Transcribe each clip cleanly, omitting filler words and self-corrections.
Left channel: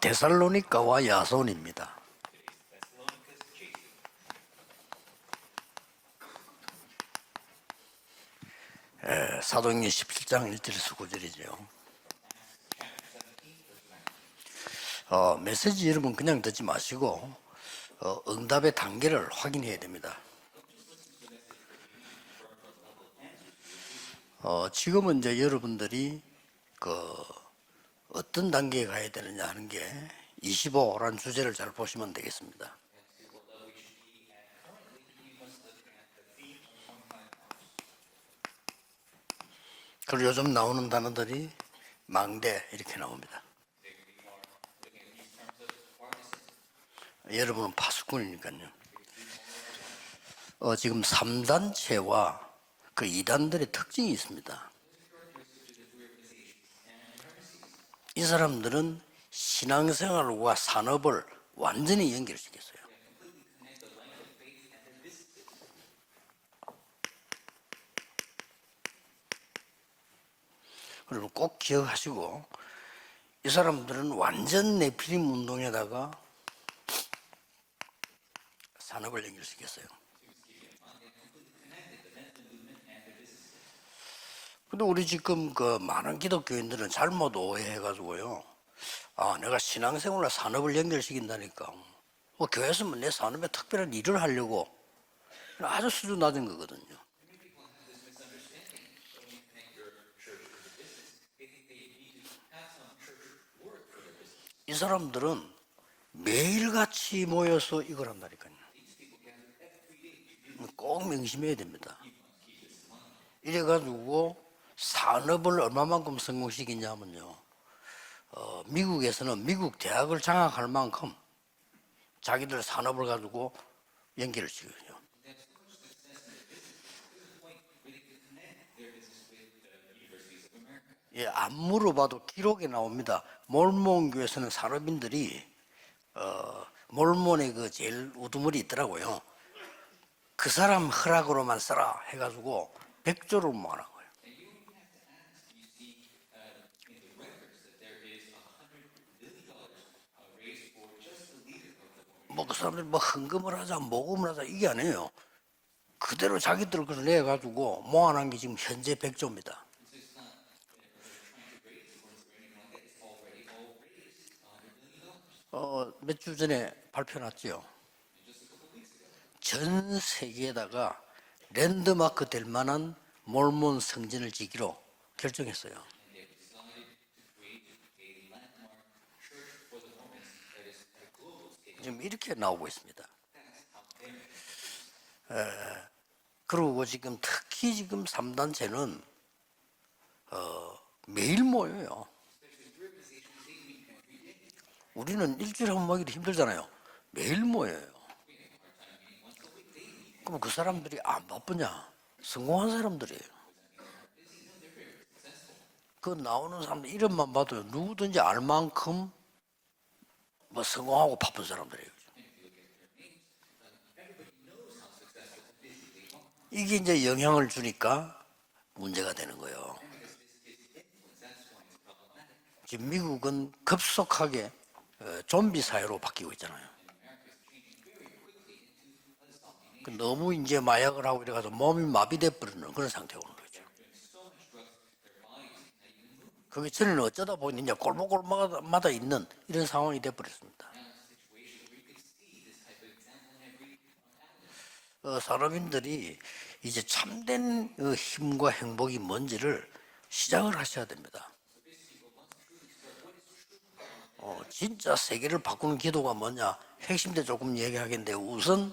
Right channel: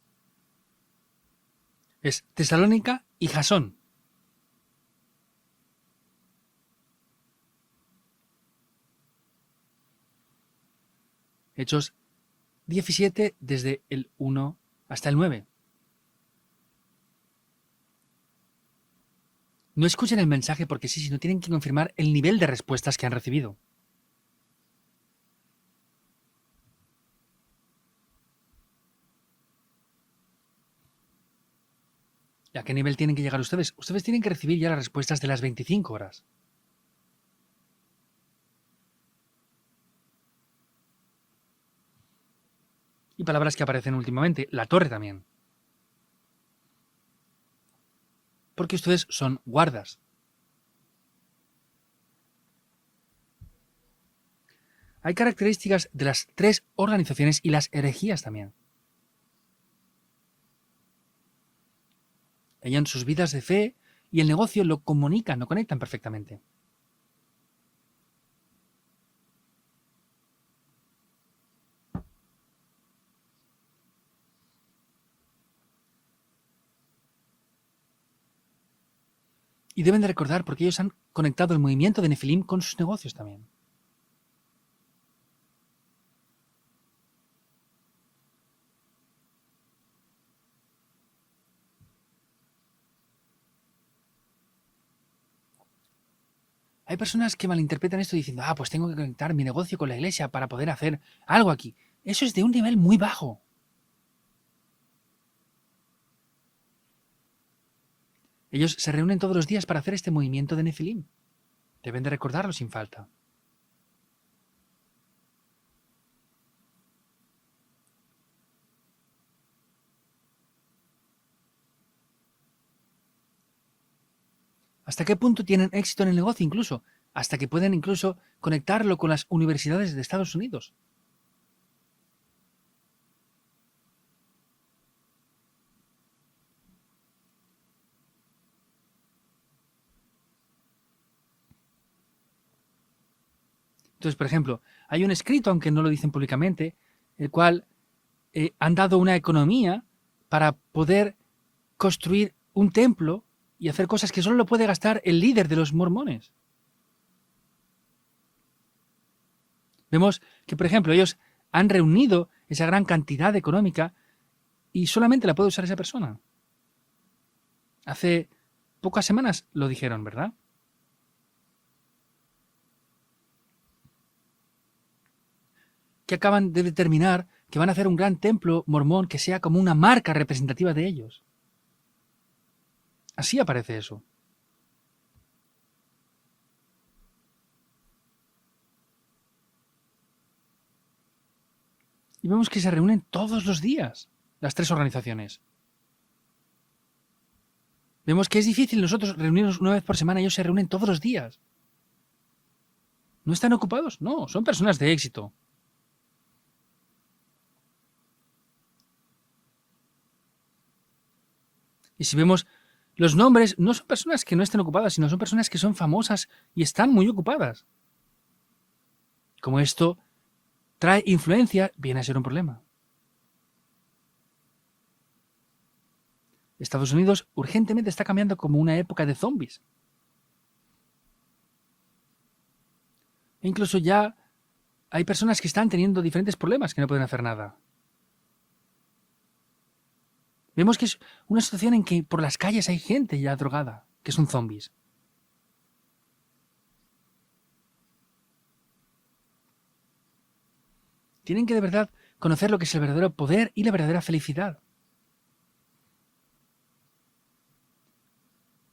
데살로니가와 야손입니다. Es Tesalónica y Jasón. 사도행전 17장 1절에서 9절이죠. Hechos 17, desde el 1 hasta el 9. 메시지 여러분 그냥 듣지 마시고 응답의 단계를 확인해야 No 됩니다. escuchen el mensaje porque sí, sino tienen que confirmar el nivel de respuestas que han recibido. 지금은 이제 여러분들이 어떤 단계에 가야 되느냐 하는 게 25라는 주제를 잘 보시면 ¿A 되겠습니다. qué nivel tienen que llegar ustedes? Ustedes tienen que recibir ya las respuestas de las 25 horas. 그리고 요즘 나오는 단어들이 망대 이렇게 Y 나옵니다. palabras que aparecen últimamente. La torre también. 여러분은 파수꾼이니까요. Porque ustedes son guardas. 지금 3단체와 그 2단들의 특징이 있습니다. Hay características de las tres organizaciones y las herejías. 이 también. 사람들은 신앙생활과 산업을 완전히 연결시켰어요. Ellos en sus vidas de fe y el negocio lo comunican, lo conectan perfectamente. 그리고 꼭 기억하시고 이 사람들은 완전 네피림 운동에다가 산업을 연결시켰어요. Y deben de recordar porque ellos han conectado el movimiento de Nefilim con sus negocios también. 근데 우리 지금 많은 기독교인들은 잘못 오해해가지고요. 내가 신앙생활과 산업을 연결시킨다니까. 교회에서는 내 산업에 특별한 일을 하려고 아주 수준 낮은 거거든요. Hay personas que malinterpretan esto diciendo, pues tengo que conectar mi negocio con la iglesia para poder hacer algo aquí. Eso es de un nivel muy bajo. 이 사람들은 매일같이 모여서 이걸 한다니까요. Ellos se reúnen todos los días para hacer este movimiento de Nefilim. 꼭 명심해야 됩니다. Deben de recordarlo sin falta. 이래가지고 산업을 얼마만큼 성공시키냐면요. 미국에서는 미국 대학을 장악할 만큼 자기들 산업을 가지고 연결을 시켜요. ¿Hasta qué punto tienen éxito en el negocio incluso? Hasta que pueden incluso conectarlo con las universidades de Estados Unidos. 안 물어봐도 기록에 나옵니다. 몰몬 교회에서는 산업인들이 몰몬의 그 제일 우두머리 있더라고요. 그 사람 허락으로만 써라 해가지고 100조를 모아라. Entonces, por ejemplo, hay un escrito, aunque no lo dicen públicamente, el cual han dado una economía para poder construir un templo y hacer cosas que solo lo puede gastar el líder de los mormones. 그대로 자기들 것을 내가지고 모아놓은 게 지금 현재 100조입니다. Vemos que, por ejemplo, ellos han reunido esa gran cantidad económica y solamente la puede usar esa persona. 몇 주 전에 발표났죠. Hace pocas semanas lo 전 dijeron, ¿verdad? 세계에다가 랜드마크 될 만한 몰몬 성전을 지기로 결정했어요. Que acaban de determinar que van a hacer un gran templo mormón que sea como una marca representativa de ellos. 지금 이렇게 나오고 있습니다. Así aparece eso. 그리고 지금 특히 지금 3단체는 매일 모여요. Y vemos que se reúnen todos los días, las tres 우리는 organizaciones. 일주일에 한 번 모이기도 힘들잖아요. 매일 모여요. Vemos que es difícil nosotros reunirnos una vez por semana, ellos se 그 reúnen todos los 사람들이 días. 바쁘냐? 성공한 사람들이에요. ¿No están ocupados? No, son personas de éxito. 그 나오는 사람들 이름만 봐도 누구든지 알 만큼 성공하고 바쁜 사람들이에요. Y si vemos los nombres, no son personas que no estén ocupadas, sino son personas que son famosas y 이게 están 이제 muy 영향을 ocupadas. 주니까 문제가 되는 Como 거예요. esto trae influencia, viene a ser un problema. 지금 미국은 급속하게 좀비 사회로 바뀌고 있잖아요. Estados Unidos urgentemente está cambiando como una época de zombies. 너무 이제 마약을 하고 이래가지고 몸이 마비돼 버리는 그런 상태고. E incluso ya hay personas que están teniendo diferentes problemas que no pueden hacer 어쩌다 nada. 보니 이제 골목골목마다 있는 이런 상황이 돼 버렸습니다. Vemos que es una situación en que por las calles hay gente ya drogada, que son zombies. 산업인들이 이제 참된 힘과 행복이 뭔지를 시작을 하셔야 됩니다. Tienen que de verdad conocer lo que es el verdadero poder y la verdadera felicidad. 진짜 세계를 바꾸는 기도가 뭐냐? 핵심대 조금 얘기하겠는데 우선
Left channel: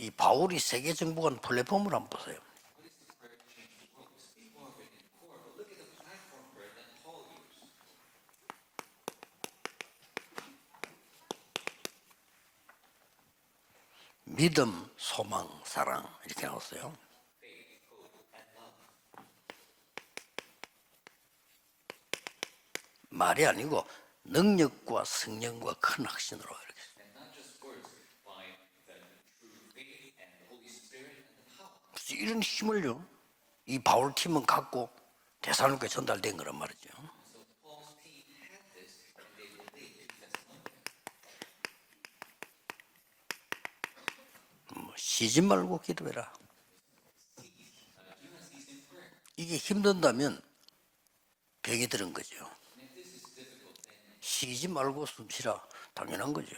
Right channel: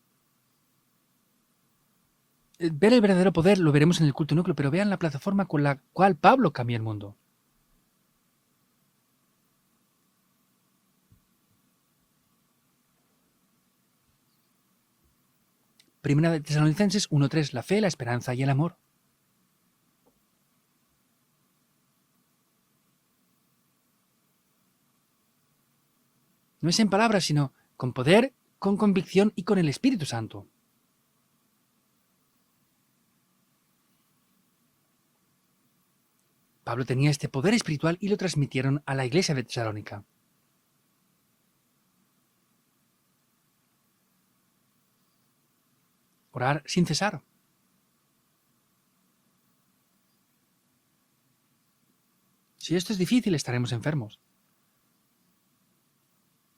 이 바울이 세계 정복한 플랫폼을 한번 보세요. Ver el verdadero poder lo veremos en el culto núcleo, pero vean la plataforma con la cual Pablo cambió el mundo. 믿음, 소망, 사랑. Primera de Tesalonicenses 1:3, la fe, la esperanza y el amor. 말이 아니고 능력과 성령과 큰 확신으로. No es en palabras, sino con poder, con convicción y con el Espíritu Santo. 이런 힘을요. 이 바울 팀은 갖고 대사로니까 전달된 거란 말이에요. Pablo tenía este poder espiritual y lo transmitieron a la iglesia de Tesalónica. 쉬지 말고 기도해라. Orar sin cesar. 이게 힘든다면 병이 들은 거죠. Si esto es difícil, estaremos enfermos. 쉬지 말고 숨 쉬라. 당연한 거죠.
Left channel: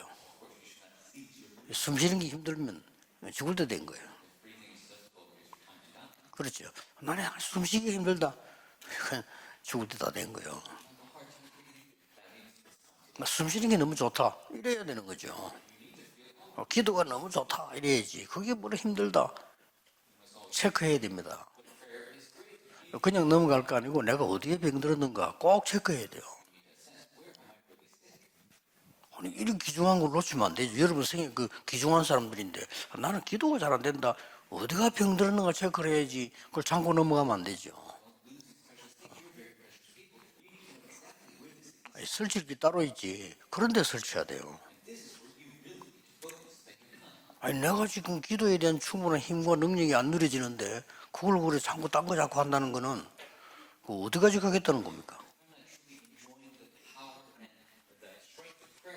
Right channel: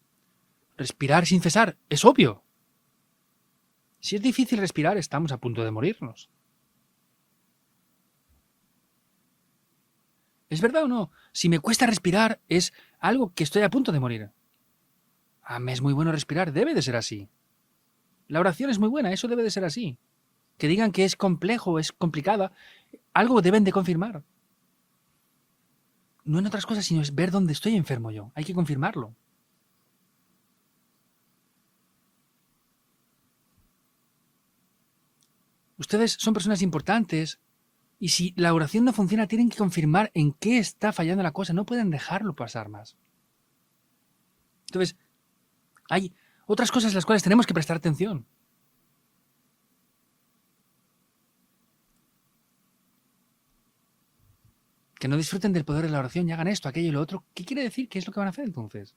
Respirar sin cesar 숨 es 쉬는 게 obvio. 힘들면 죽을 때 된 거예요. Si es difícil respirar, estamos a punto de morirnos. 그렇죠. 나는 숨 쉬기 힘들다. 죽을 때 다 된 거예요. ¿Es verdad o no? Si me cuesta respirar, es algo que 숨 estoy a 쉬는 게 punto 너무 de morir. 좋다. 이래야 되는 거죠. Ah, me es muy bueno respirar, debe de ser 기도가 así. 너무 좋다. 이래야지. La oración es muy buena, eso debe de ser así. Que digan que es complejo, es complicada, 그냥 algo deben de 넘어갈 거 아니고 confirmar. 내가 어디에 병들었는가 꼭 체크해야 돼요. No en otras cosas, sino es ver dónde estoy enfermo yo. Hay que confirmarlo. 아니, 이런 귀중한 걸 놓치면 안 되죠. 여러분 생에 그 귀중한 사람들인데 나는 기도가 잘 안 된다. 어디가 병들었는가 체크를 Ustedes 해야지. son personas 그 참고 importantes. 넘어가면 안 되죠. Y si la oración no funciona, tienen que confirmar en qué está fallando la cosa. No pueden dejarlo 설치지 pasar. 따로 있지. 그런 데 설치해야 돼요. Entonces, hay otras cosas las cuales tenemos que 아니, prestar 내가 지금 atención. 기도에 대한 충분한 힘과 능력이 안 누려지는데 그걸 그래 자꾸 딴 거 자꾸 한다는 거는 그 어디까지 가겠다는 겁니까? Que no disfruten del poder de la oración y hagan esto, aquello y lo otro. ¿Qué quiere decir? ¿Qué es lo que van a hacer entonces?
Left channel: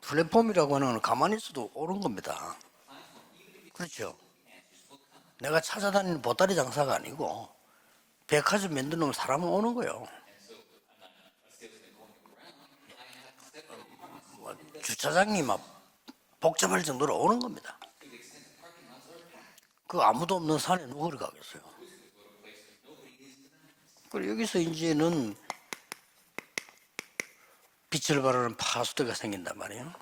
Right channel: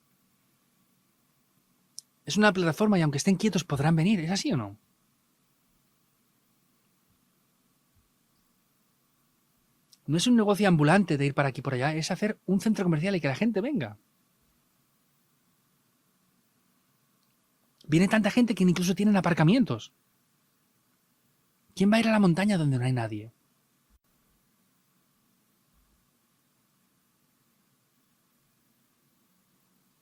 플랫폼이라고 하는 건 가만히 있어도 오는 겁니다. Es una plataforma y aunque estén quietos podrán venir. ¿Es así o no? 내가 찾아다니는 보따리 장사가 아니고 백화점 만들어 놓으면 사람은 오는 거예요. No es un negocio ambulante de ir para aquí y por allá. Es hacer un centro comercial y que la gente venga. 주차장이 막 복잡할 정도로 오는 겁니다. Viene tanta gente que incluso tienen aparcamientos. 그 아무도 없는 산에 누구를 가겠어요. ¿Quién va a ir a la montaña donde no hay nadie? 그리고 여기서 이제는 빛을 발하는 파수대가 생긴단 말이에요.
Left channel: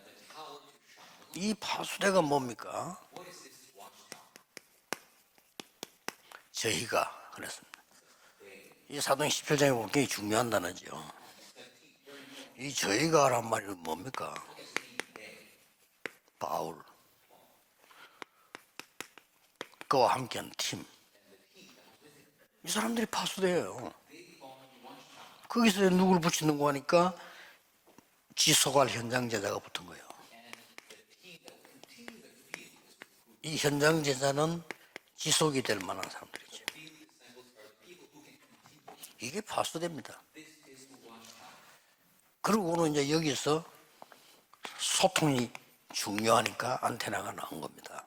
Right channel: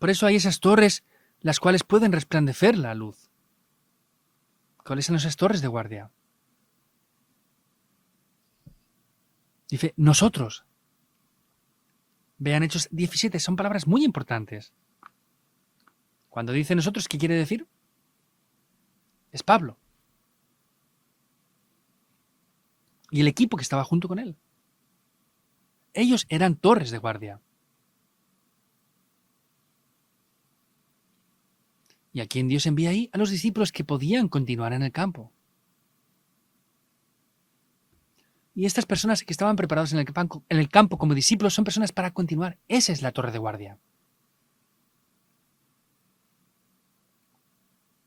Por eso hay esas torres las cuales pueden resplandecer la luz. ¿Cuáles son esas torres de guardia? 저희가 그랬습니다. 이 사도행 17장에 Dice, 보면 nosotros. 중요한 단어죠. Vean Hechos 17, son palabras muy importantes. Cuando dice nosotros, ¿qué quiere decir? Es Pablo 그와 함께한 팀. 이 사람들이 y el equipo que 파수예요. estaba junto con él. 거기서 누구 Ellos eran 붙이려고 torres de 하니까 guardia. 지소갈 현장 제자가 붙은 거예요. ¿Y a quién Dios envía ahí? A los 이 discípulos que 현장 podían 제자는 continuar en el campo. 지속이 될 만한 사람들이죠. Y estas personas que estaban preparadas en el campo como discípulos son personas para continuar. 그리고 Esa es 이제 la torre de 여기서 guardia. 소통이 중요하니까 안테나가 나온 겁니다.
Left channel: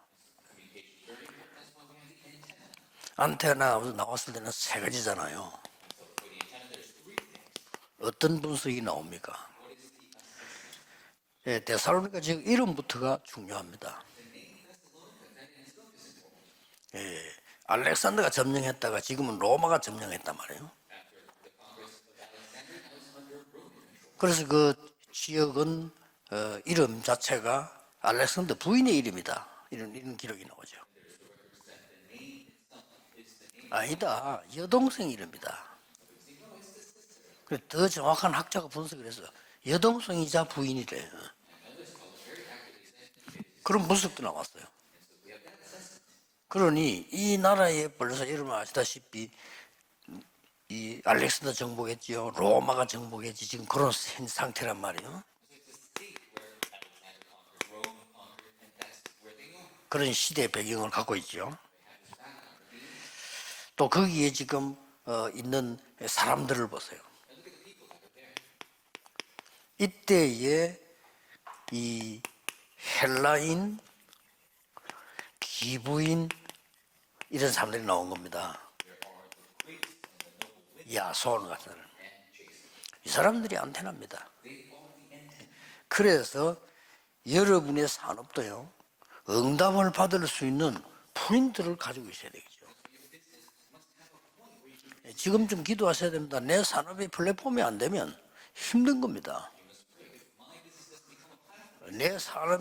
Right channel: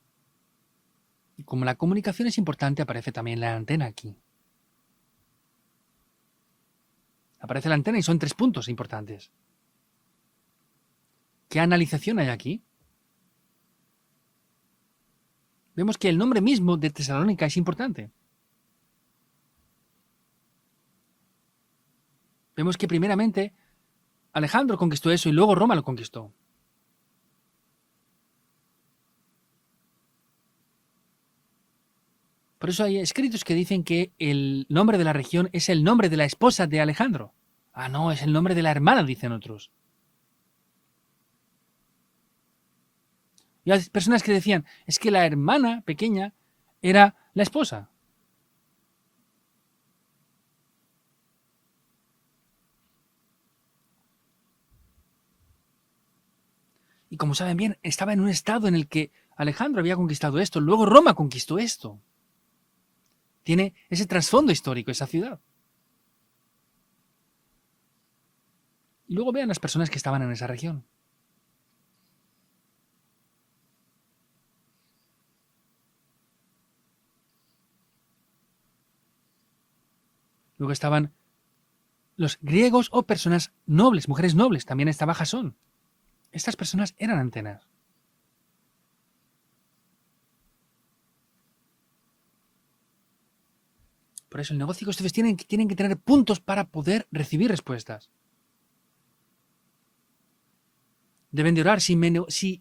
Como la comunicación es importante, aparece también la antena. 안테나가 aquí. 나왔을 때는 세 가지잖아요. Aparece la antena y son tres 어떤 puntos 분석이 importantes. 나옵니까? ¿Qué analización hay 데살로니가적 aquí? 이름부터가 중요합니다. Vemos que el nombre mismo de Tesalónica es importante. 알렉산더가 점령했다가 지금은 로마가 점령했단 말이에요. Vemos que primeramente 그래서 Alejandro conquistó eso y luego Roma lo conquistó. 이름 자체가 알렉산더 부인의 이름이다. 이런 기록이 나오죠. Por eso hay escritos que dicen que Ahí está. el nombre de la región es el nombre de la esposa de Alejandro. 그래, 더 Ah, no, es el 정확한 nombre de la 학자 hermana, 분석에서 dicen otros. 여동생이자 부인이래. Y hay personas que decían, es que la hermana pequeña 그러니 era 이 la esposa. 나라에 벌써 여러분 아시다시피 이 알렉산더 정복했죠. 로마가 정복했지. 지금 그런 상태란 말이에요. Y como saben bien, estaba en un estado en el que Alejandro había Pero conquistado este esto, pequeño luego Roma pueblo. conquistó esto. Tiene 또 ese 거기에 trasfondo 지금 histórico, esa ciudad. 있는 사람들을 보세요. Y luego vean las personas que estaban en esa 이때에 región. 이 헬라인, 기부인 이런 사람들이 나온 겁니다. Luego estaban 야손 같은 사람. los griegos o personas nobles, mujeres nobles. También estaba Jasón. 그래서 Estas personas eran antenas. 여러분의 산업도요. 응답을 받을 수 있는 포인트를 가지고 있어야 되겠죠. Por eso el negocio que ustedes 지금 tienen que tener 기도하셔야 puntos 됩니다. para 내 poder 산업이 recibir 플랫폼이 안 respuesta. 되면 힘든 겁니다. Deben de orar. Si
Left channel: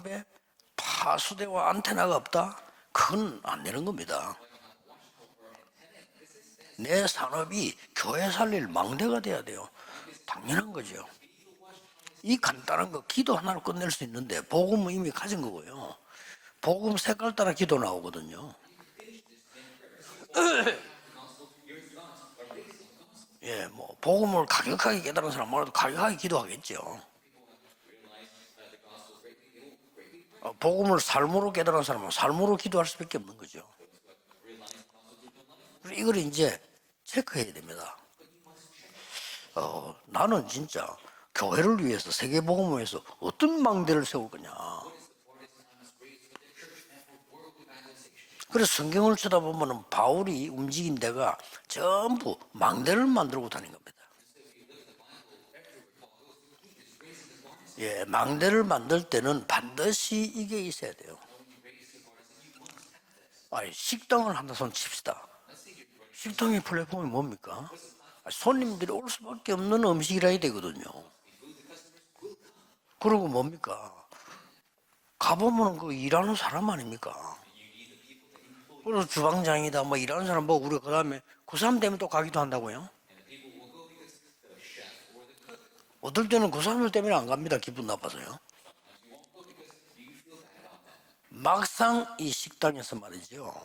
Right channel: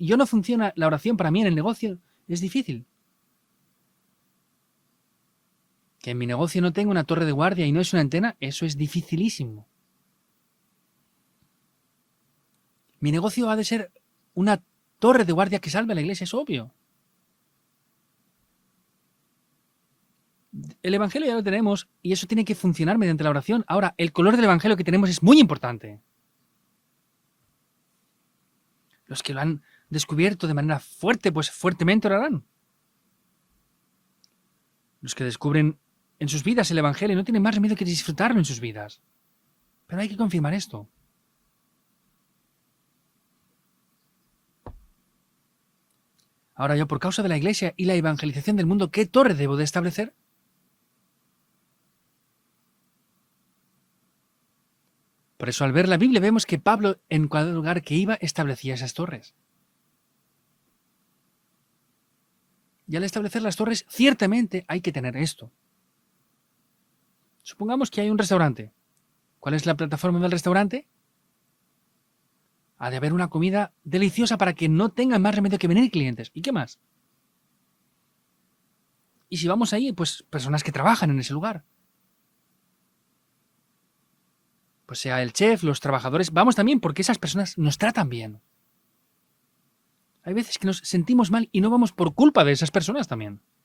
yo no funciona la oración para mí en el negocio, 안테나가 es 없다. difícil. 그건 안 되는 겁니다. Que en mi negocio no tenga una torre de guardia y no es una antena, eso es dificilísimo. 당연한 거죠. 이 간단한 거 Mi 기도 negocio ha 하나 de ser 끝낼 수 있는데 una 복음은 이미 torre de 가지고 guardia que 있거든요. salve a la iglesia, es obvio. 복음 색깔 따라 기도 나오거든요. El evangelio ya lo tenemos y eso tiene que funcionar mediante la oración. Ahora, el color del evangelio que tenemos es muy importante. 가격하게 기도하겠죠. Los que lo han descubierto de manera 복음을 fuerte, pues 삶으로 깨달아서 fuertemente orarán. 삶으로 기도할 수밖에 없는 거죠. Los que descubren 이걸 en sus 이제 vidas el Evangelio no tienen más remedio que 체크해야 됩니다. disfrutarlo en sus vidas. Pero hay que 나는 confirmar 진짜 esto. 교회를 위해서 세계복음을 위해서 어떤 망대를 세울 거냐. Ahora yo, por causa de la Iglesia y la evangelización del 그래서 mundo, ¿qué 성경을 torre 쓰다 debo de 보면 establecer? 바울이 움직인 데가 전부 망대를 만들고 다닌 겁니다. Por eso, al ver la Biblia, vemos que Pablo, en cada lugar que 예, iba, 망대를 establecía esas 만들 torres. 때는 반드시 이게 있어야 돼요. Y al establecer las torres, 식당을 ciertamente 하나 hay que tener 칩시다. esto. 식당의 플랫폼이 뭡니까? Supongamos que hay un restaurante. 손님들이 올 수밖에 ¿Cuál es la 없는 plataforma 음식이 del 해야 restaurante? 되거든요. Ha de haber una 그러면 comida 뭡니까? deliciosa para que no tengan más remedio que 가보면 venir 그 clientes. 일하는 ¿Y qué 사람 más? 아닙니까? 그래서 Y si vamos 주방장이나 ahí, 뭐 pues 일하는 사람 personas que trabajan en ese 그 lugar. 사람 때문에 또 가기도 한다고요? Pues sea el chef, los trabajadores, 때는 vamos 그 también 사람들 porque 때문에 esas 안 personas 갑니다. nos 기분 tratan 나빠서요. bien. Hay veces que nos sentimos mal y no vamos 막상 por 이 culpa de esas 식당에서 personas también. 말이죠.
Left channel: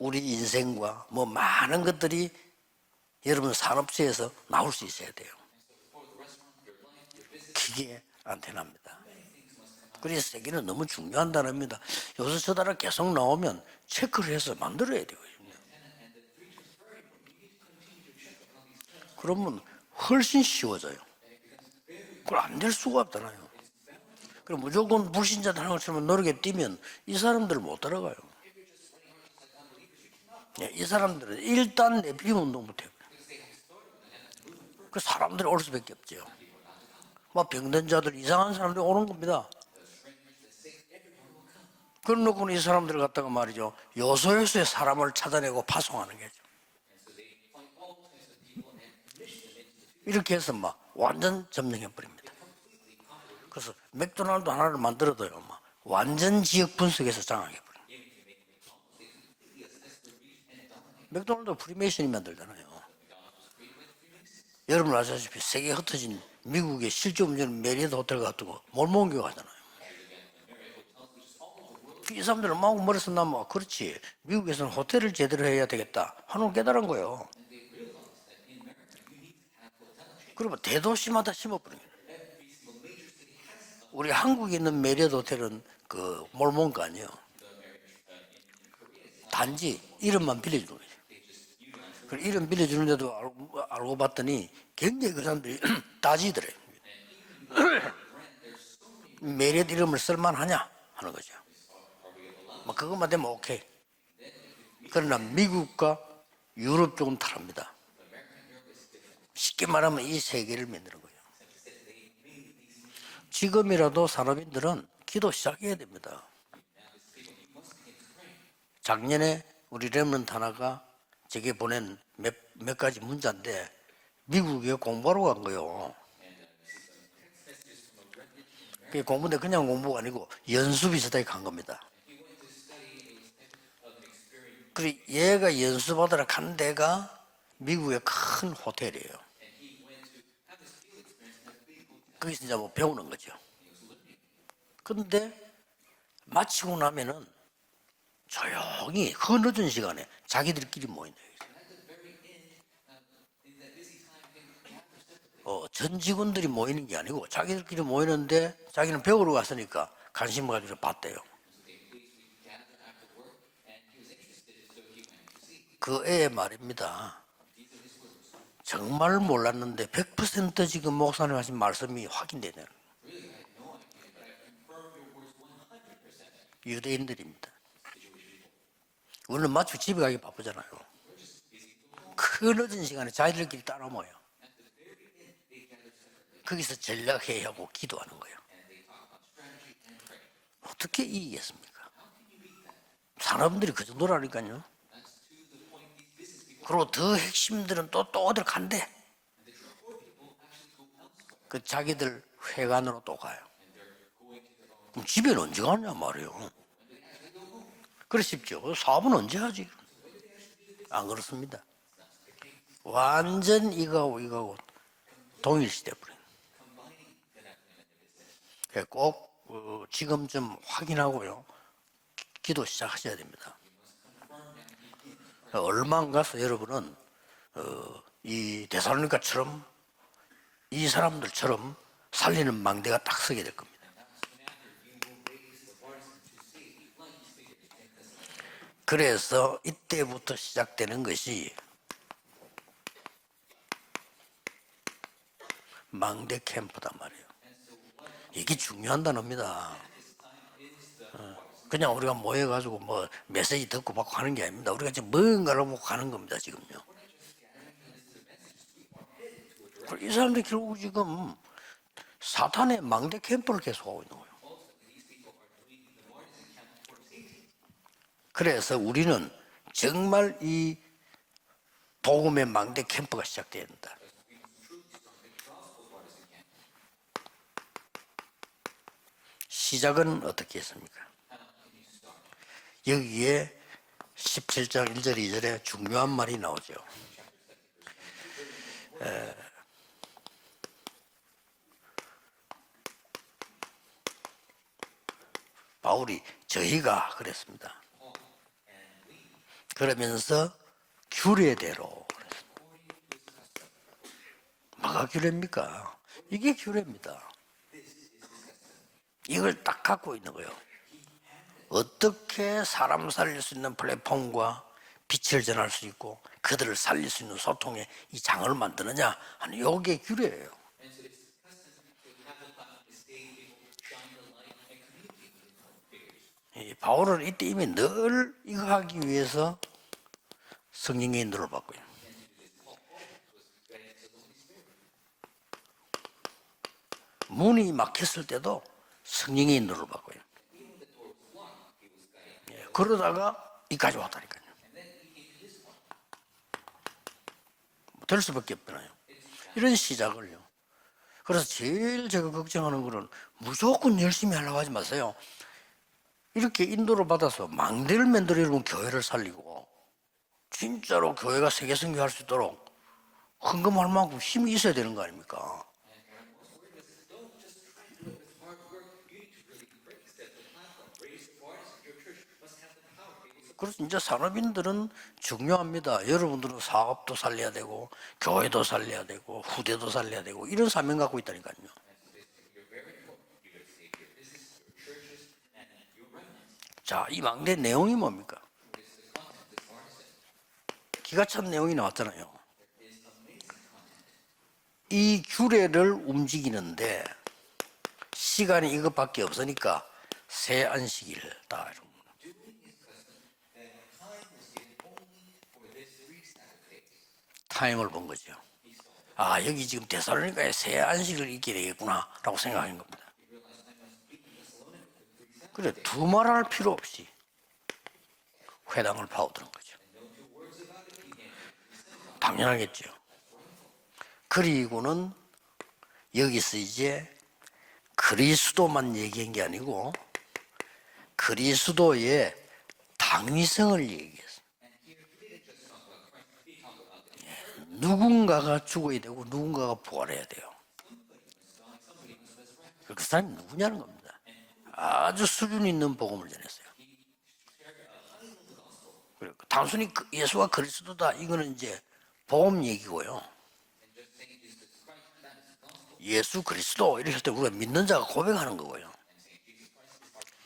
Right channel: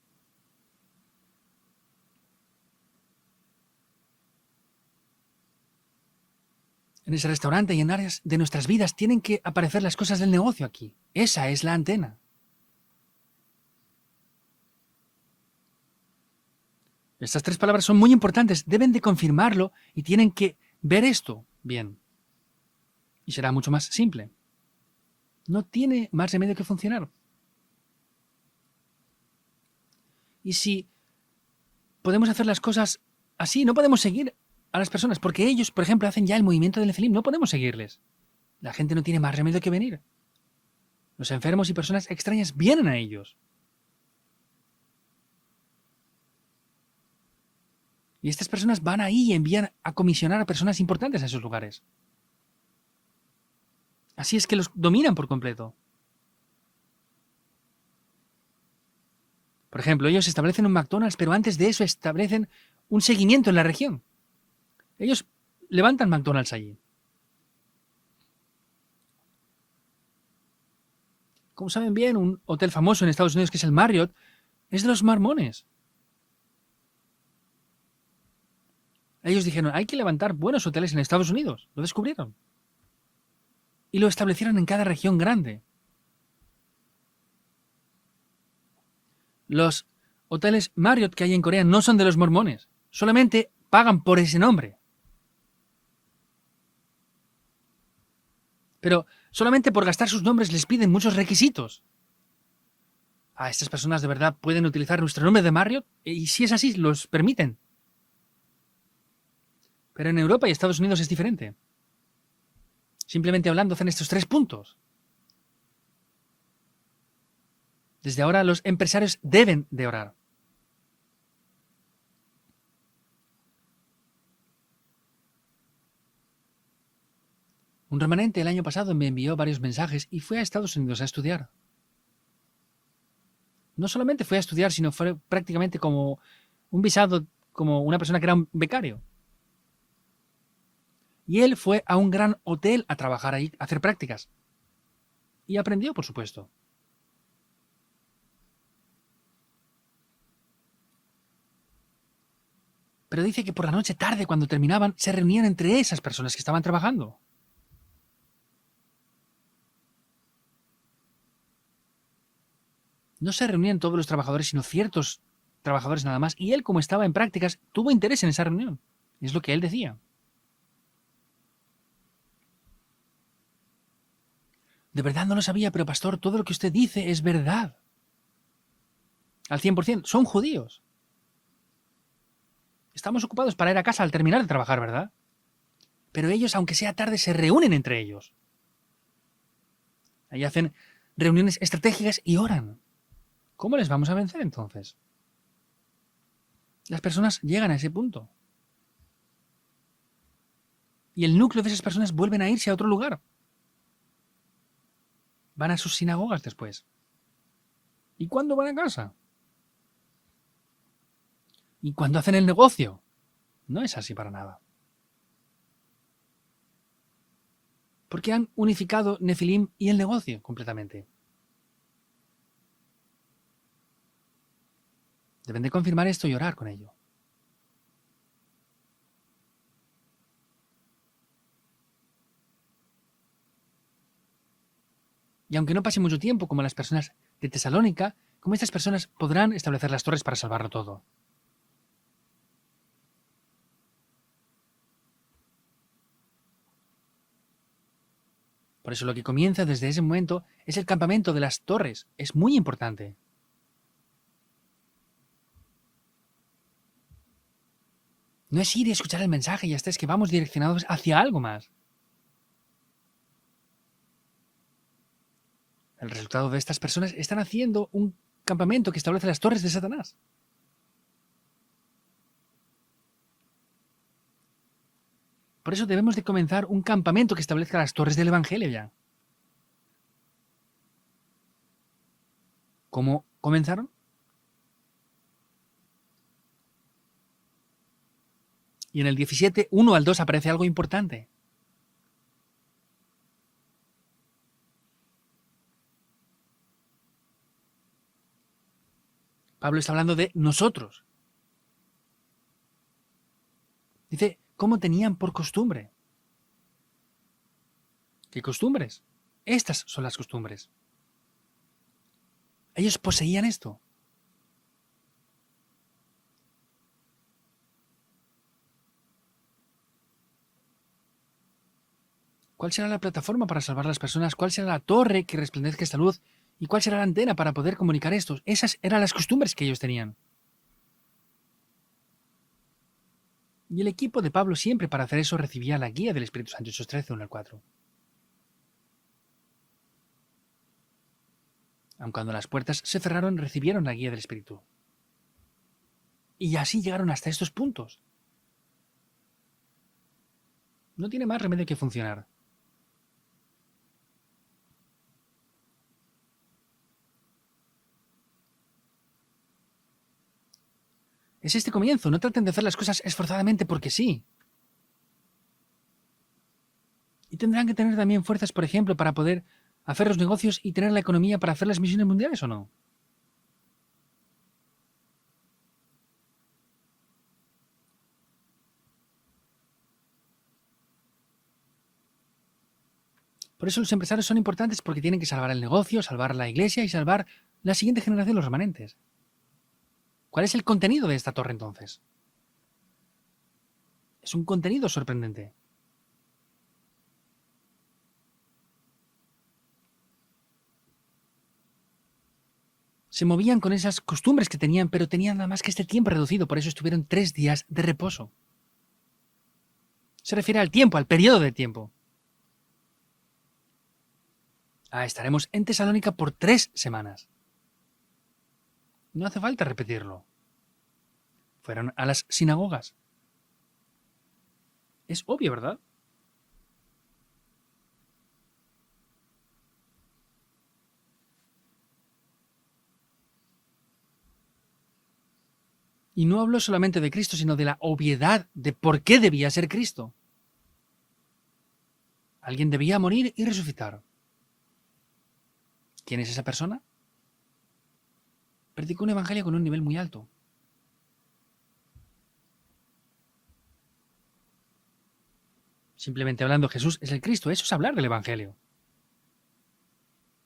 우리 인생과 뭐 많은 것들이 여러분 산업체에서 나올 수 있어야 돼요. En ese restaurante y en áreas de nuestras vidas tienen que aparecer las cosas del 그래서 negocio 이게 너무 aquí. 중요한 Esa es la 단어입니다. antena. 요새 저달아 계속 나오면 체크를 해서 만들어야 돼요. Estas tres palabras son muy importantes. Deben de confirmarlo y tienen que ver esto bien. 그걸 안 될 수가 없다는. Y será mucho más simple. 그럼 무조건 불신자 No 하는 tiene 것처럼 노력에 más remedio que 뛰면 funcionar. 이 사람들 못 따라가요. Y 이 si 사람들은 일단 podemos hacer las cosas así, no podemos seguir a las personas, porque ellos, por ejemplo, hacen ya el movimiento del Nefilim. No podemos seguirles. 병든자들 이상한 La 사람들 gente no 오는 tiene más 겁니다. remedio que venir. Los enfermos y personas 그런 extrañas 이 vienen a 사람들 ellos. 갖다가 말이죠. 요소요소의 사람을 찾아내고 파송하는 거죠. Y estas personas van ahí y envían a 이렇게 comisionar a 해서 personas 막 importantes a sus 완전 lugares. 점령해버립니다. 그래서 Así es 맥도날드 que los 하나를 dominan por 만들어버리면 completo. 완전 지역 분석에서 장악해버려요. Por ejemplo, ellos establecen un McDonald's, pero antes de eso establecen un seguimiento en la región. 여러분 ellos 아시다시피 세계 levantan 흩어진 McDonald's ahí. 미국의 실제음료는 메리어트 호텔 같은 거 몰몬교 하잖아요. Como saben bien, 이 un 사람들은 hotel famoso en Estados Unidos que es el Marriott 미국에서는 es de los 호텔을 제대로 mormones. 해야 되겠다 하는 깨달은 거예요. Ellos dijeron, hay que levantar buenos hoteles en Estados Unidos. Lo descubrieron. Y lo 우리 establecieron 한국에 en 있는 cada 메리어트 región 호텔은 grande. 그 몰몬가 아니에요. 단지 Los 이름만 hoteles 빌려도 Marriott que hay en Corea no son de los 이름 mormones. 빌려주는데도 Solamente pagan por ese nombre. 굉장히 그 사람들이 따지더래. Pero solamente por gastar sus nombres les piden muchos requisitos. 뭐 그것만 되면 A 오케이. estas personas de verdad pueden utilizar 그러나 nuestro nombre de 미국과 Marriott y si es así, 유럽 los 조금 permiten. 다릅니다. 쉽게 말하면 Pero 이 en Europa y 세계를 Estados Unidos es diferente. Simplemente hablando con 지금이라도 estos tres puntos. 사람들은 기도 시작해야 됩니다. Desde ahora los empresarios 작년에 deben 우리 de orar. 레몬트 하나가 제게 보낸 몇 가지 문자인데 미국에 공부하러 간 거요. Un remanente el año pasado me envió 공부는 varios 그냥 공부가 mensajes y 아니고 fue a Estados 연수 Unidos a 비슷하게 간 estudiar. 겁니다. No solamente fue a estudiar, sino fue 얘가 prácticamente como 연수받으러 간 un 데가 visado, como 미국의 una persona que era un 큰 becario. 호텔이에요. Y él fue a un gran 그래서 hotel a 배운 trabajar ahí, a hacer prácticas. 근데 Y aprendió, por supuesto. 마치고 나면은 조용히 흐느진 시간에 자기들끼리 모인다. Pero dice que por la noche tarde, cuando terminaban, se reunían entre esas 전 personas que 직원들이 estaban 모이는 게 trabajando. 아니고 자기들끼리 모이는데 자기는 배우러 갔으니까 관심 가지고 봤대요. No se reunían todos los trabajadores, sino ciertos trabajadores nada más. Y él, como 말입니다. estaba en prácticas, tuvo interés en esa reunión. 정말 Es lo que él 몰랐는데 decía. 100% 지금 목사님 하신 말씀이 확인되네요. De verdad no lo sabía, pero pastor, todo lo que usted dice es verdad. 우리는 Al 100%. Son judíos. 흐느진 시간에 Estamos ocupados para ir a casa al terminar de trabajar, ¿verdad? Pero ellos, aunque sea tarde, se reúnen entre ellos. Ahí hacen reuniones estratégicas y oran. ¿Cómo les vamos a vencer entonces? 그리고 Las 더 personas llegan a ese 힘들어 punto. 또 어딜 간대. Y el núcleo de esas personas vuelven a irse a otro 회관으로 lugar. 또 가요. 그럼 집에는 언제 Van a 가냐 sus 말이에요. sinagogas después. 그래서 cuándo van a casa? 사업은 언제 하지? 안 그렇습니다. Y cuando hacen el negocio, 완전 No es así 이거하고 para 이거하고 nada. 동일시돼 버려. porque han unificado Nefilim y el 지금 negocio 좀 completamente. 확인하고요. 기도 시작하셔야 됩니다. Deben de confirmar esto y 가서 orar por ello. 여러분은 이 데살로니가처럼 이 사람들처럼 살리는 망대가 딱 서게 될 겁니다. Y aunque no pase mucho tiempo, como las personas de Tesalónica, cómo estas personas podrán 그래서 establecer las torres 이때부터 para salvarlo todo. 시작되는 것이 망대 캠프단 말이에요. 이게 Por 중요한 eso lo que comienza 단어입니다. desde ese momento es el campamento de las 그냥 torres. 우리가 Es muy 모여가지고 뭐 importante. 메시지 듣고 받고 하는 게 아닙니다. 우리가 지금 뭔가를 보고 가는 겁니다. 지금요. No es ir y escuchar el mensaje y hasta es que 이 vamos 사람들이 direccionados 결국 hacia algo más. 사탄의 망대 캠프를 계속하고 있는 거예요. El resultado de estas personas están haciendo un 그래서 campamento que 우리는 establece las torres de Satanás. 정말 이 복음의 망대 캠프가 시작돼야 된다. Por eso debemos de comenzar un campamento que establezca las torres del Evangelio ya. 시작은 어떻게 했습니까? ¿Cómo 여기에 comenzaron? 17장 1절 2절에 중요한 말이 나오죠. Y en el 17, 1 al 2 aparece algo importante. 바울이 저희가 그랬습니다. Pablo está hablando de 그러면서 nosotros. 규례대로 Dice, ¿cómo tenían por 규례입니까? costumbre? 이게 규례입니다. ¿Qué costumbres? 이걸 Estas 딱 son las 갖고 있는 거예요. costumbres. 어떻게 사람을 poseían 살릴 수 esto. 있는 플랫폼과 빛을 전할 수 있고 그들을 살릴 수 있는 소통의 이 장을 만드느냐 하는 요게 규례예요. ¿Cuál será la plataforma para salvar a las personas? ¿Cuál será la torre que resplandezca esta luz? ¿Y cuál será la Ahora antena para el poder crimen comunicar 늘 esto? Esas 나가기 eran las costumbres 위해서 que ellos tenían. 성령의 인도를 받고요. Y el equipo de Pablo siempre para hacer eso recibía la guía del Espíritu Santo. Hechos 13, 1 al 4. 문이 막혔을 때도 성령의 인도를 받고요. Aun cuando las puertas 그러다가 se cerraron, recibieron la 이까지 guía del 왔다. Espíritu. Y así llegaron hasta estos puntos. 될 수밖에 없잖아요. 이런 시작을요. No tiene más 그래서 remedio que 제일 funcionar. 제가 걱정하는 거는 무조건 열심히 하려고 하지 마세요. 이렇게 인도를 받아서 망대를 만들어 여러분 교회를 살리고 진짜로 교회가 Es este 세계 comienzo. 승리할 No 수 traten de 있도록 hacer las cosas esforzadamente 황금할 porque sí. 만큼 힘이 있어야 되는 거 아닙니까? Y tendrán que tener también fuerzas, por ejemplo, para poder hacer los negocios y tener la economía para hacer las misiones mundiales, ¿o no? 그래서 이제 산업인들은 중요합니다. 여러분들은 사업도 살려야 되고 교회도 살려야 되고 후대도 살려야 되고 이런 사명 갖고 있다니까요. Por eso los empresarios son importantes porque tienen que salvar el negocio, salvar la iglesia y 자, salvar 이 망대 la 내용이 siguiente 뭡니까? generación, los remanentes. ¿Cuál es el contenido de 기가 esta 찬 torre? 내용이 entonces? 나왔잖아요. Es un contenido 이 sorprendente. 규례를 움직이는데 시간이 이것밖에 없으니까 새 안식일다. Se movían con esas costumbres que tenían, pero tenían nada más que este tiempo reducido. Por eso estuvieron 3 días de 타임을 본 reposo. 거죠. 아 여기 지금 Se 데살로니가에 refiere al 새 tiempo, al periodo de 안식일이구나라고 생각한 겁니다. Ah, estaremos en Pero Tesalónica tú por mar할 3 필요 없어. semanas. 회당을 No hace 파고 falta repetirlo. Fueron a las 당연하겠죠. sinagogas. 그리고는 Es obvio, ¿verdad? 여기서 이제 그리스도만 얘기한 게 아니고 그리스도의 당위성을 얘기했어요. Y no habló solamente de Cristo, sino de la 누군가가 obviedad de por qué debía ser 누군가가 Cristo. 부활해야 돼요. Alguien debía morir y resucitar. 아주 수준 있는 복음. ¿Quién es esa persona? Predicó un evangelio con un nivel 단순히 muy alto. 예수가 그리스도다 이거는 이제 복음 얘기고요. Simplemente hablando Jesús es Cristo, eso es hablar del 믿는 자가 고백하는 evangelio. 거고요.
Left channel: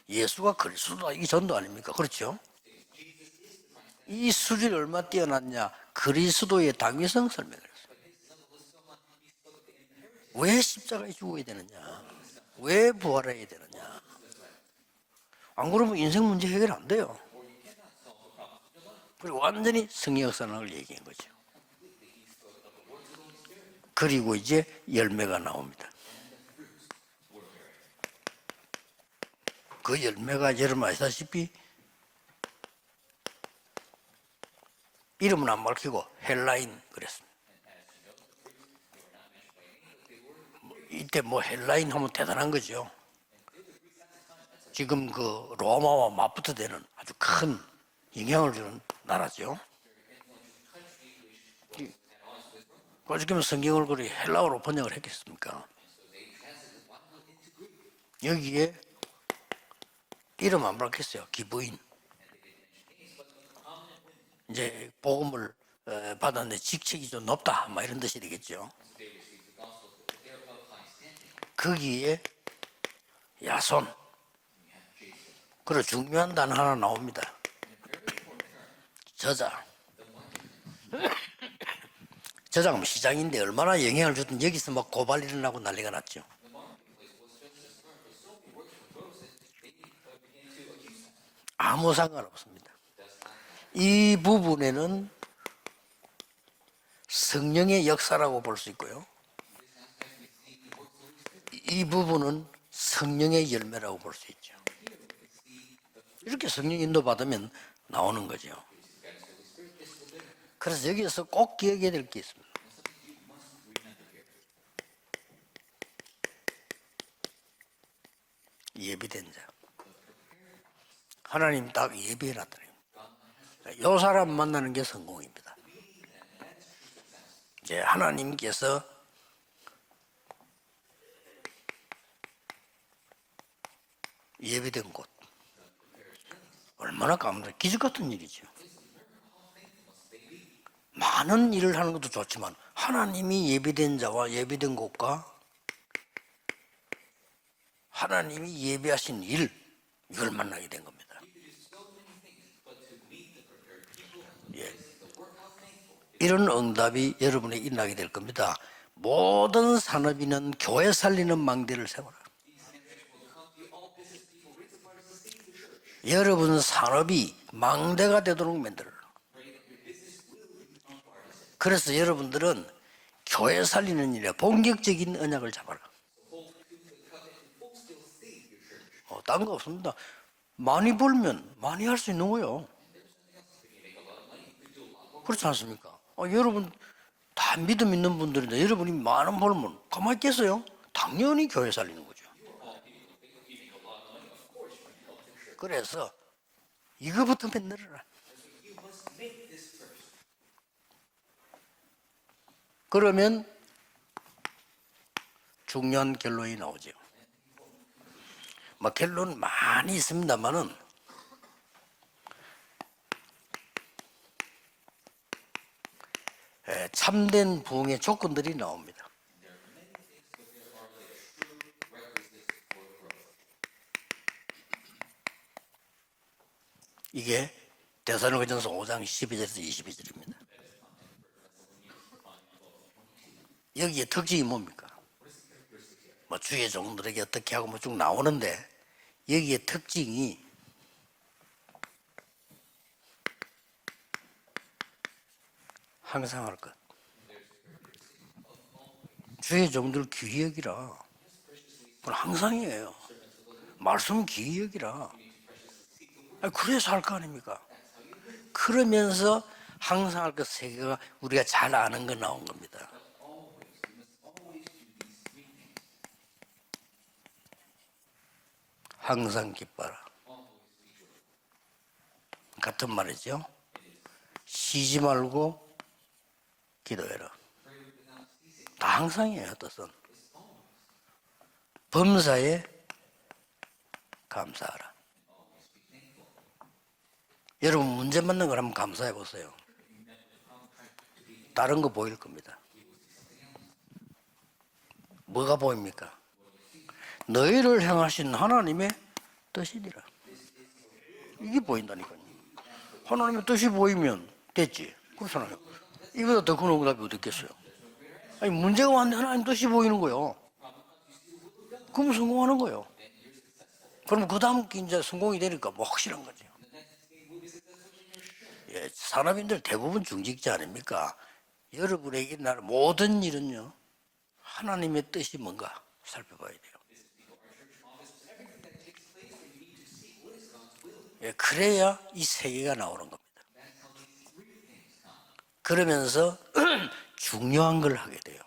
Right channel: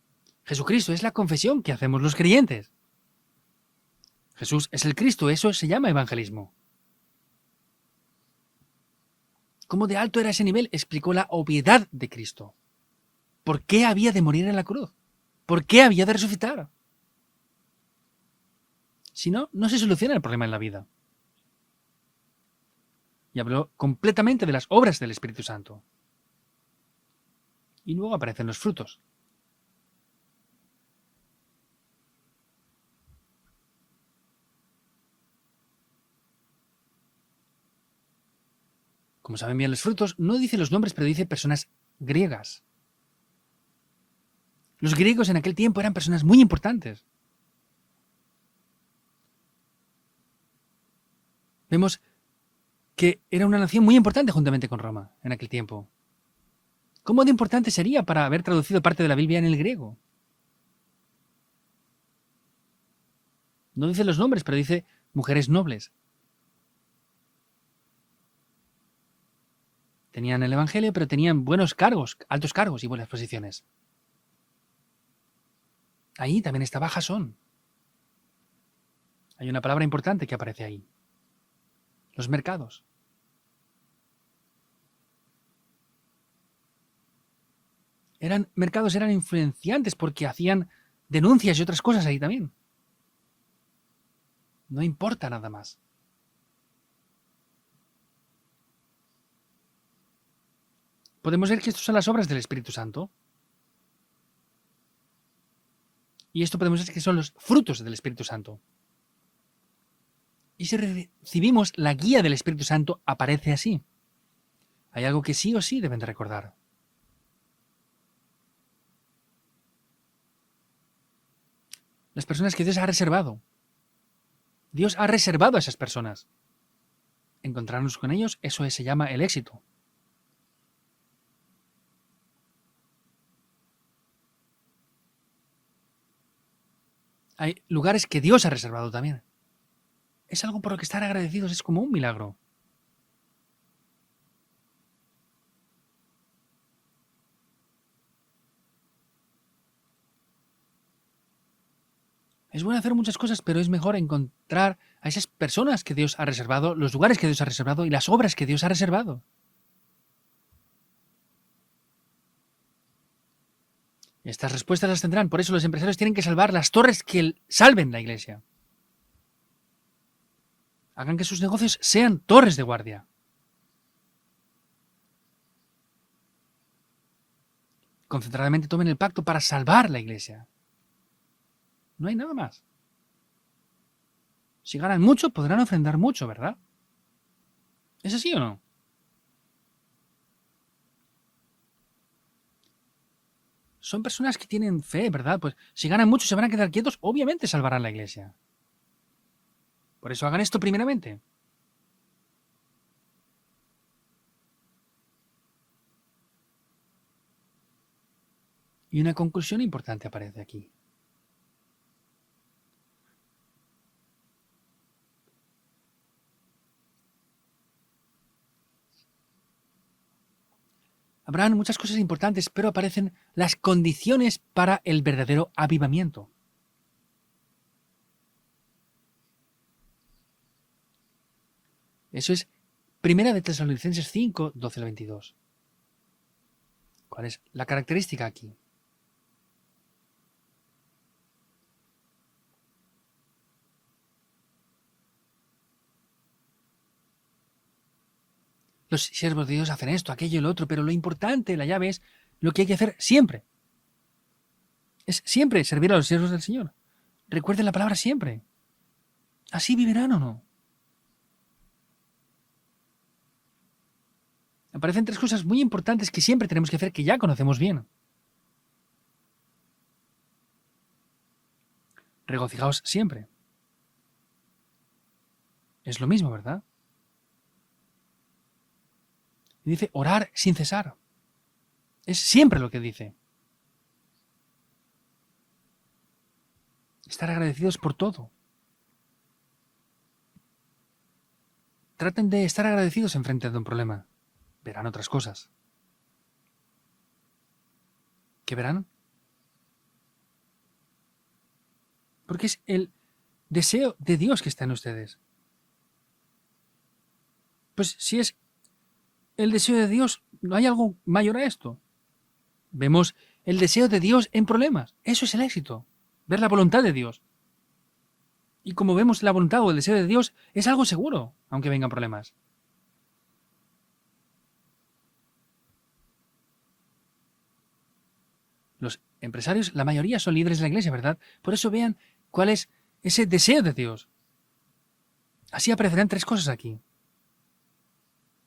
예수가 Jesucristo es la 그리스도다, 이 confesión 정도 que 아닙니까? hacemos los 그렇죠? creyentes. 이 Jesús 수준이 es el 얼마나 Cristo, eso se 뛰어났냐. llama evangelismo. 그리스도의 당위성 설명을 했어요. ¿Cómo de alto era ese Pues, nivel? Explicó la obviedad de Cristo. 왜 부활해야 ¿Por qué había de morir en la cruz? ¿Por 안 qué 그러면 había de 인생 문제 resucitar? 해결 안 돼요. Si no, no se soluciona el problema en la vida. Y habló 그리고 completamente de 이제 las obras del 열매가 Espíritu Santo. 나옵니다. Y luego aparecen los frutos. 그 열매가 여러분 아시다시피 이름은 안 밝히고 헬라인 그랬습니다. Como saben bien los frutos, no dice los nombres, pero 이때 dice 뭐 personas 헬라인 하면 griegas. 대단한 거죠. Los 지금 griegos en 그 aquel tiempo eran 로마 personas muy 아포스토들은 importantes. 아주 큰 영향을 주는 나라죠. Vemos que era una nación muy importante juntamente con Roma en aquel tiempo. ¿Cómo de importante sería para haber traducido parte de la Biblia en el griego? 이름 안 밝혔어요. 기부인. No dice los nombres, pero dice mujeres nobles. 받았는데 직책이 좀 높다. 막 이런 뜻이 되겠죠. Tenían el evangelio, pero tenían buenos cargos, altos cargos y buenas posiciones. 야손. 그래 중요한 ahí 단어 también 하나 estaba Jasón. 나옵니다. Hay 저장. una palabra importante que aparece ahí. Los mercados. 저장 시장인데 얼마나 영향을 주든 여기서 막 고발 일어나고 난리가 났죠. Eran mercados, eran influenciantes porque hacían denuncias y otras 아무 cosas ahí también. 상관없습니다. 이 No 부분에는 importa nada más. 성령의 역사라고 볼 수 있고요. Podemos ver que 이 estas son las obras del 부분은 Espíritu Santo. 성령의 열매라고 볼 수 있죠. Y 이렇게 esto 성령 podemos decir que son los 인도받으면 frutos del 나오는 Espíritu Santo. 거죠. Y si 그래서 여기서 꼭 recibimos 기억해야 la 될 guía del Espíritu Santo, aparece así. Hay algo que sí o sí deben de recordar. 예비된 자. 하나님 딱 Las 예비라. personas que Dios ha reservado. 요 사람 만나는 게 Dios ha reservado a esas personas. Encontrarnos con ellos, 하나님께서 eso se llama el éxito. 예비된 곳. 얼마나 Hay 기적 lugares 같은 que Dios ha reservado también. Es algo por lo que estar 많은 agradecidos, es 일을 como un 하는 것도 milagro. 좋지만 하나님이 예비된 자와 예비된 곳과 하나님이 예비하신 일 이걸 만나게 된 겁니다. Es bueno hacer muchas cosas, pero es mejor encontrar a esas personas que Dios ha 이런 reservado, los 응답이 lugares que Dios ha 여러분에게 reservado y 임하게 las 될 obras que 겁니다. Dios ha reservado. 모든 산업인은 교회 살리는 망대를 세워라. Estas respuestas las tendrán, por eso los empresarios tienen que salvar 여러분 las torres 산업이 que salven la 망대가 iglesia. 되도록 만들어라. Hagan que sus negocios 그래서 sean 여러분들은 torres de guardia. 교회 살리는 일에 본격적인 언약을 잡아라. Concentradamente tomen el pacto para 다른 거 salvar 없습니다. la iglesia. 많이 벌면 많이 할 수 No hay 있는 nada 거예요. Si ganan mucho, 그렇지 podrán 않습니까? ofrendar mucho, ¿verdad? 여러분 다 믿음 있는 그래서 지요. 분들인데 여러분이 많은 벌면 가만히 있겠어요? 당연히 교회 살리는 거죠. Son personas que tienen fe, ¿verdad? Pues 그래서 si ganan mucho, se van a quedar quietos, 이거부터 obviamente salvarán la iglesia. Por eso hagan esto primeramente. 그러면 중요한 결론이 나오죠. 뭐 Y una 결론 conclusión 많이 importante 있습니다만은 참된 부흥의 조건들이 나옵니다. Habrán muchas cosas importantes, pero aparecen las condiciones para el verdadero avivamiento. 이게 데살로니가전서 5장 12절에서 22절입니다. Eso es Primera de Tesalonicenses 여기에 특징이 5, 뭡니까? 12 al 22. 뭐 주의 종들에게 ¿Cuál es 어떻게 la 하고 쭉 característica? 나오는데 여기에 특징이 항상 할 것. Los siervos de Sí, Dios hacen yo esto, creo que aquello y lo otro, mira. pero lo importante, la llave es Pero 항상 lo que hay que 해요. hacer siempre. 말씀 기억이라. Es siempre servir a los siervos del Señor. 그래서 할 거 아닙니까? Recuerden la palabra siempre. 그러면서 Así vivirán. 항상 할 것 세 개가 우리가 잘 아는 거 나온 겁니다. Aparecen tres cosas muy importantes que siempre tenemos que hacer, que ya conocemos bien. 항상 기뻐라. Regocijaos 같은 siempre. 말이죠. 쉬지 말고 Es lo mismo, ¿verdad? 기도해라. 다 항상이에요. 또. Dice orar sin cesar. Es 범사에 siempre lo que dice. 감사하라. Estar agradecidos 여러분 por todo. 문제 맞는 걸 한번 감사해 보세요. 다른 거 보입니까? Traten de estar agradecidos enfrente de un problema. Verán otras cosas. 뭐가 보입니까? 너희를 향하신 하나님의 뜻이니라. 이게 보인다니까요. Porque es el 하나님의 뜻이 deseo 보이면 de Dios que está en 됐지. ustedes. 그렇잖아요. 이보다 더 큰 응답이 어디 있겠어요? Pues si es 아니 문제가 왔는데 하나님 el 뜻이 deseo de 보이는 Dios, 거예요. no hay algo mayor a esto. 그럼 성공하는 거예요. Vemos el deseo de Dios 그럼 en 그 다음 problema. 이제 Eso es el 성공이 éxito. 되니까 뭐 확실한 거예요. Ver la voluntad de Dios. Y como vemos la voluntad o el deseo de Dios, es algo seguro, aunque vengan problemas. 여러분에게 날 모든 일은요 하나님의 뜻이 뭔가 살펴봐야 돼요. Los empresarios, la mayoría son líderes de la iglesia, ¿verdad? Por eso 그래야 vean 이 cuál es 세계가 나오는 ese deseo de Dios. Así aparecerán tres 그러면서 cosas aquí. 중요한 걸 하게 돼요.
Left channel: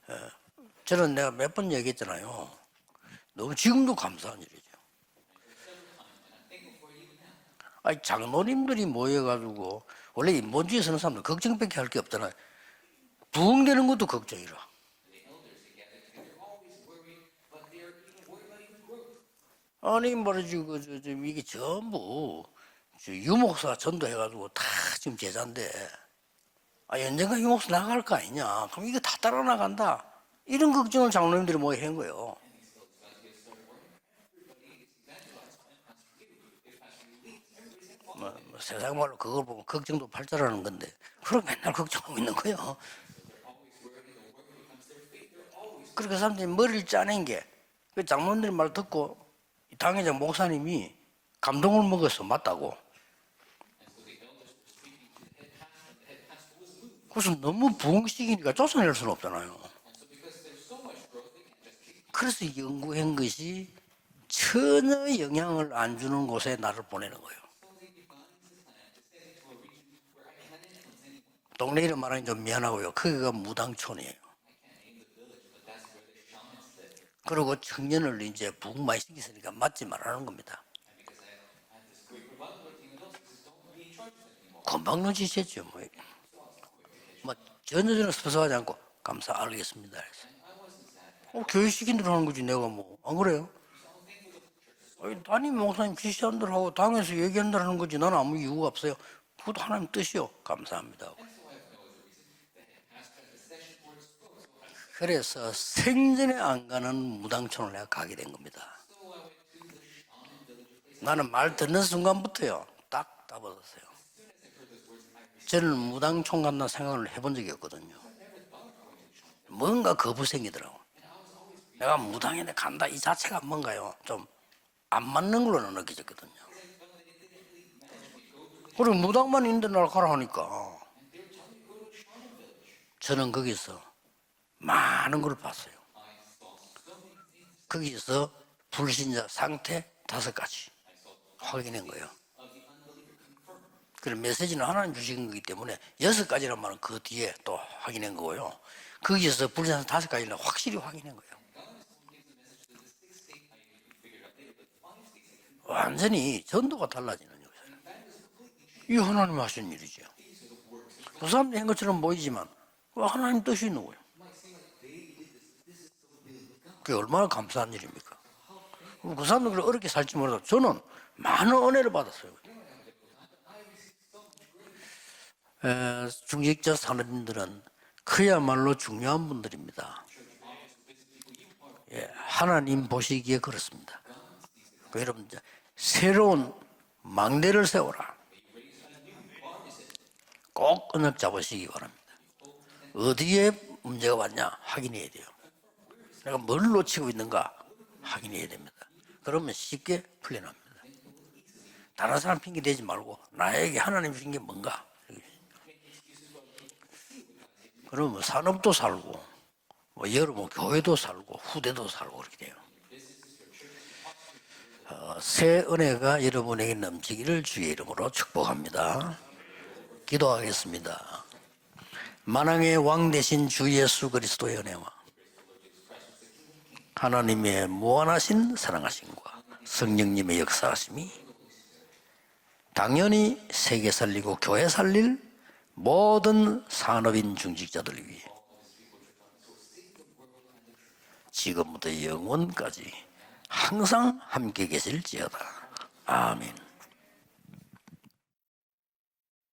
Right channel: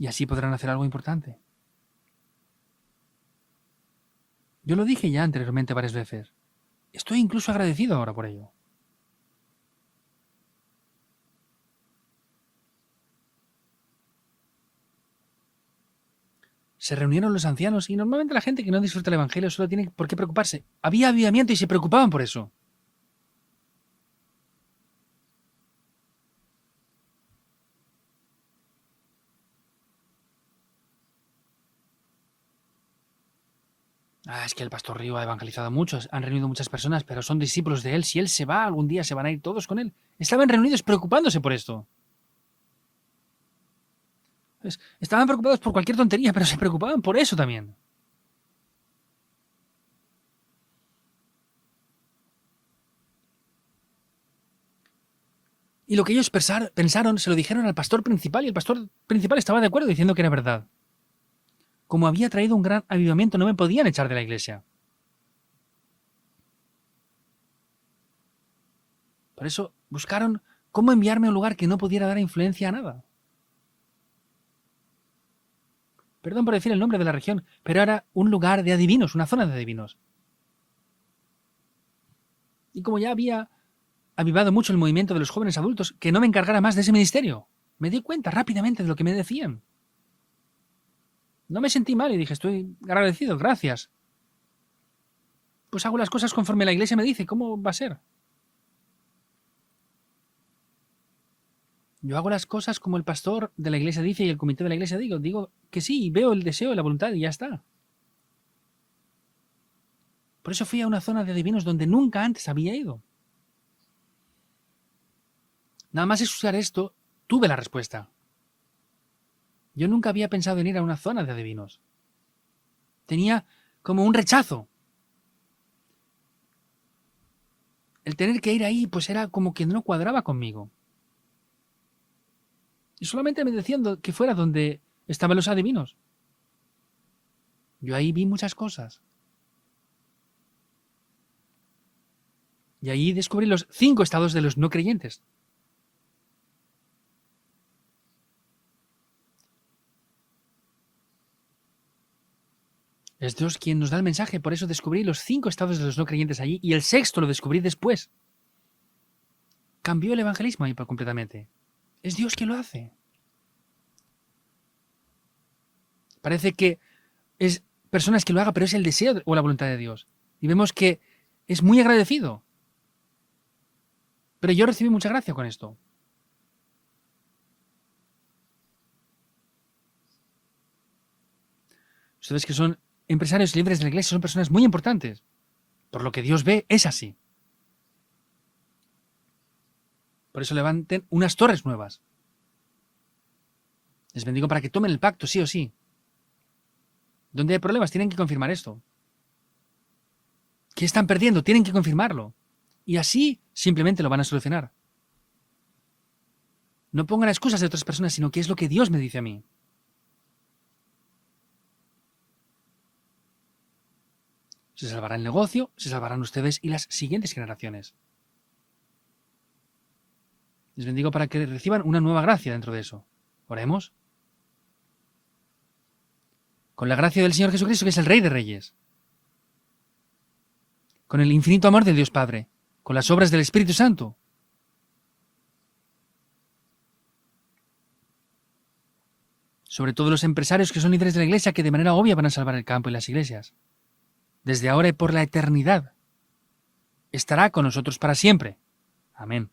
Y así podrán hacer algo 저는 importante. 내가 몇 번 얘기했잖아요. 너무 지금도 감사한 일이죠. Yo lo dije ya anteriormente varias veces. Estoy incluso agradecido 아니, ahora por ello. 장로님들이 모여가지고 원래 인본주의 서는 사람들 걱정밖에 할 게 없잖아요. 부흥되는 것도 걱정이라. Se reunieron los ancianos y normalmente la gente que no disfruta el evangelio solo tiene por qué 아니, preocuparse. 말이지, Había avivamiento y se preocupaban por eso. 유목사 전도해가지고 다 지금 제자인데 언젠가 유목사 나갈 거 아니냐. 그럼 이거 다 따라 나간다. 이런 걱정을 장로님들이 모여 한 거예요. Es que el pastor Río ha evangelizado a muchos, han reunido muchas personas, pero son discípulos de él. Si él se va, algún día se van a ir todos con él. Estaban reunidos preocupándose por eso. 그걸 걱정하고 있는 거예요. Pues, estaban preocupados por cualquier tontería, pero se 머리를 preocupaban por 짜낸 eso 게 también. 그 장로님들 말 듣고 이 당회장 목사님이 감동을 먹어서 맞다고. Y lo que ellos pensaron, se lo dijeron al pastor principal, y el pastor principal estaba de acuerdo diciendo que era verdad. Como había traído un gran avivamiento, no me podían echar de la iglesia. 전혀 영향을 안 주는 곳에 나를 보내는 거예요. Por eso buscaron cómo enviarme a un lugar que no 동네 이름 pudiera dar 말하기 좀 influencia a 미안하고요. nada. 거기가 무당촌이에요. Perdón por decir el nombre de la región, 그리고 pero era 청년을 un 이제 lugar de adivinos, una zona de 받지 adivinos. 말라는 겁니다. Y como ya había avivado mucho el movimiento de los jóvenes adultos, que no me encargara más de ese ministerio. Me di cuenta rápidamente de lo que me decían. No me sentí mal y dije, estoy agradecido, gracias. Pues hago las cosas conforme la iglesia me dice, ¿cómo va a ser? 나는 아무 이유가 없어요. 그것도 하나님 뜻이요. 감사합니다. Yo hago las cosas como el pastor de la iglesia dice y el comité de la iglesia dice. Digo 그래서 que sí, veo el 생전에 deseo y la 안 voluntad y 가는 ya está. 무당촌을 내가 가게 된 겁니다. Por eso fui a una zona 나는 de 말 adivinos 듣는 donde nunca antes 순간부터요. había ido. 딱 따버렸어요. 저는 Nada más 무당촌 escuchar 간다는 esto, 생각을 해본 tuve 적이 la 없거든요. respuesta. Yo 뭔가 nunca había 거부성이 pensado en ir 들어요. a una zona de adivinos. 내가 무당에 간다 이 Tenía 자체가 뭔가요? como un rechazo. 안 맞는 걸로 느껴졌거든요. El tener que ir ahí 그럼 pues era 무당만 como que 있는 no 날 cuadraba 가라니까. conmigo. Y 저는 solamente me 거기서 decían que fuera donde 많은 estaban 걸 los adivinos. Yo ahí vi 거기서 muchas cosas. 불신자 상태 5가지 확인한 거예요. Y ahí descubrí los 5 estados de los 메시지는 no 하나님 creyentes. 주신 거기 때문에 6가지란 말은 그 뒤에 또 확인한 거고요. 거기에서 불신자 5가지는 확실히 확인한 거예요. Es Dios quien nos da el mensaje, por eso descubrí los 5 estados de los no 완전히 creyentes allí. Y el 전도가 sexto 달라요. lo descubrí después. 이 하나님 하신 일이죠. Cambió el evangelismo ahí 그 completamente. 사람들이 한 것처럼 Es Dios quien lo 보이지만 hace. 하나님 뜻이 있는 거예요. Parece que 그게 얼마나 es 감사한 일입니까? personas que lo haga, pero es el deseo o la voluntad de Dios. Y vemos que 많은 es muy 은혜가 agradecido. Pero yo recibí mucha gracia con esto. 중직자 산업인들은 그야말로 중요한 분들입니다. 예, Ustedes que son 하나님 보시기에 empresarios libres de la iglesia son personas muy importantes. 여러분, Lo que 새로운 Dios ve es así. 망대를 세워라. Por eso levanten unas torres nuevas. 어디에 문제가 Les bendigo 왔냐? para que tomen el pacto, sí o sí. 내가 뭘 놓치고 있는가? Donde hay problemas, tienen que confirmar esto. 그러면 쉽게 풀려납니다. ¿Qué están perdiendo? Tienen que confirmarlo. 다른 사람 핑계 대지 Y 말고 así 나에게 simplemente lo 하나님 van a 주신 solucionar. 뭔가. No pongan excusas de otras personas, sino que es lo que Dios me dice a mí. 뭐 여러분 교회도 살고 후대도 살고 그렇게 돼요. Se salvará el 새 negocio, se 은혜가 salvarán ustedes y 여러분에게 las siguientes 넘치기를 주의 generaciones. 이름으로 축복합니다. Les 기도하겠습니다. bendigo para que reciban una nueva gracia. dentro de 만왕의 eso. 왕 대신 주 Oremos. 예수 그리스도의 은혜와 Con la gracia del Señor Jesucristo, que es el Rey de 무한하신 Reyes. 사랑하심과 성령님의 역사하심이 Con el infinito amor de Dios Padre. Con las obras del 당연히 Espíritu 세계 Santo. 살리고 교회 살릴 모든 산업인 중직자들을 위해 Sobre todo los empresarios que son líderes de la iglesia, que de manera obvia van a salvar el campo y las iglesias. 항상 함께 Desde ahora y por la 계실지어다. eternidad. 아멘. Estará con nosotros para siempre. Amén.